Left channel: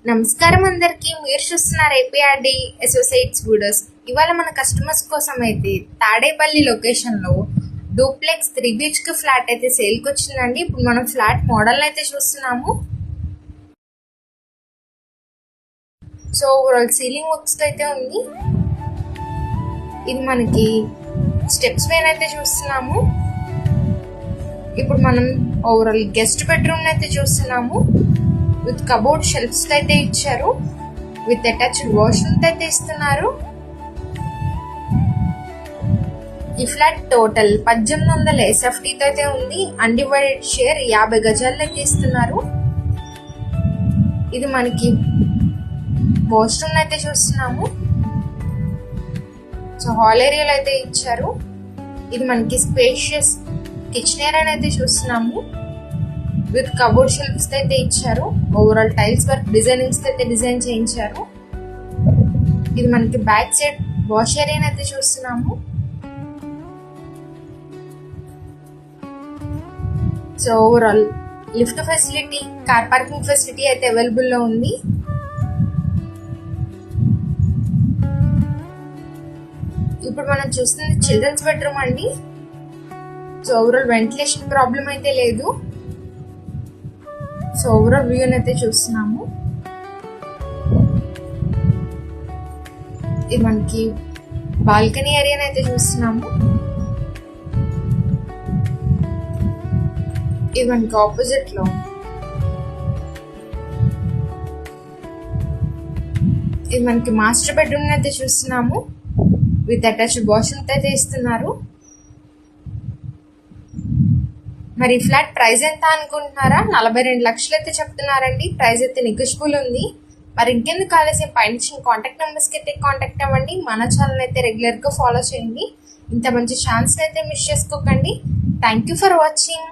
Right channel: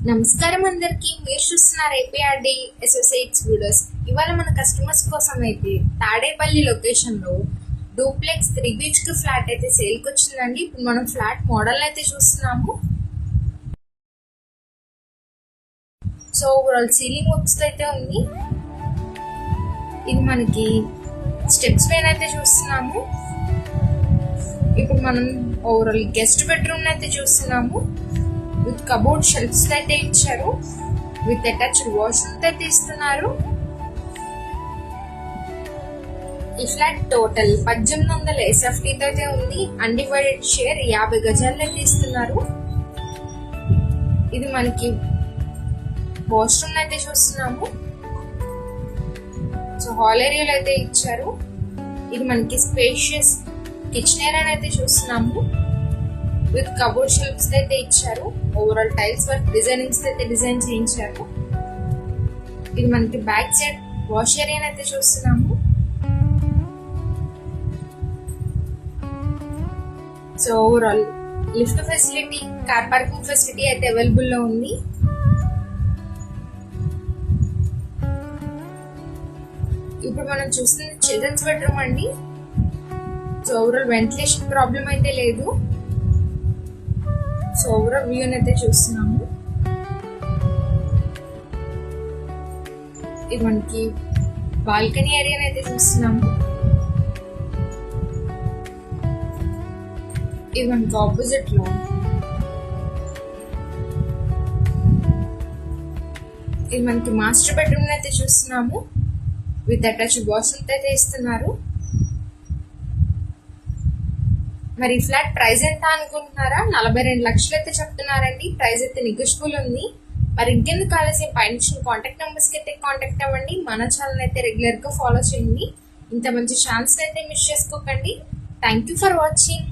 నమస్కారం అందరికి. మీరు చూస్తున్నారు ఏపీఆర్డి అసోసియేట్స్ వీడియోస్. ఇవాళ మన కస్టమర్స్ కోసం అయితే తాడేపల్లి లొకేషన్లో డూప్లెక్స్ 3 BHK ఫ్లాట్ అయితే సేల్కి వచ్చిందండి. ఇప్పుడు మనం ఫ్లాట్ మోడల్ అయితే చూస్తున్నాము. సో ఓవరాల్ సీలింగ్ వర్క్స్ అయితే ఉంది. ఇది మనకి స్టెప్స్ పైన అయితే చూస్తున్నాము. ఇప్పుడు మనం ఓవరాల్ గెస్ట్ బెడ్రూమ్ అయితే చూస్తున్నాము. విత్ కబోర్డ్ షెల్ఫ్స్ అయితే ఇచ్చారు. విత్ అటాచ్డ్ వాష్రూమ్ అయితే ఇస్తున్నారు. ఈ ఫ్లాట్ టోటల్ 1800 SFT అయితే ఉంది. అన్డివైడెడ్ షేర్ 50 గజాలు అయితే ఇస్తున్నారు. ఇది మనకి వాష్రూమ్ అయితే చూస్తున్నాము. సో హాల్ ఏరియాలో అయితే ఇచ్చారు. ఇది మనకి స్పేషియస్ కిచెన్ ఏరియా అయితే చూస్తున్నాము. విత్ కబోర్డ్ షెల్ఫ్స్ అయితే ఇచ్చారు. ఓవరాల్ టైల్స్ వర్క్ డిజైనింగ్స్ అయితే డిజైన్ చేయించారు. ఇది మనకి బ్యాక్ సైడ్ వాష్ ఏరియా అయితే చూస్తున్నాము. So overall lift facility, car parking facility అయితే అవైలబుల్ లో ఉంది. ఇప్పుడు మనం చూస్తుంది చిల్డ్రన్స్ బెడ్రూమ్ అండి. సో ఓవరాల్ వెంటిలేషన్ ప్రాబ్లం అయితే లేదు. సో ఓవరాల్ వ్యూ అయితే చూస్తున్నాము. ఇది మనకి బాల్కనీ ఏరియా అయితే చూస్తున్నాము. ఇది మనకి ఆపోజిట్ లో ఇది మనకి మాస్టర్ బెడ్రూమ్ అయితే చూస్తున్నాము. విత్ అటాచ్డ్ వాష్రూమ్ అయితే ఇస్తున్నారు. మరి ఫ్లాట్ ప్రైస్ ఎంత అనుకుంటున్నారా? 42 లక్షలు అయితే చెప్తున్నారండి. ప్రైస్ అయితే నెగోషియబుల్ ఉంది. మరి ఇంకెందుకు ఆలస్యం, పైన కాంటాక్ట్ నెంబర్స్కి అయితే కాంటాక్ట్ అవ్వండి. మన ఛానల్ అయితే రెగ్యులర్గా ఫాలో చేయండి. ఇంత మంచి ఛాన్స్ అయితే మిస్ చేసుకోకండి. Thank you for watching.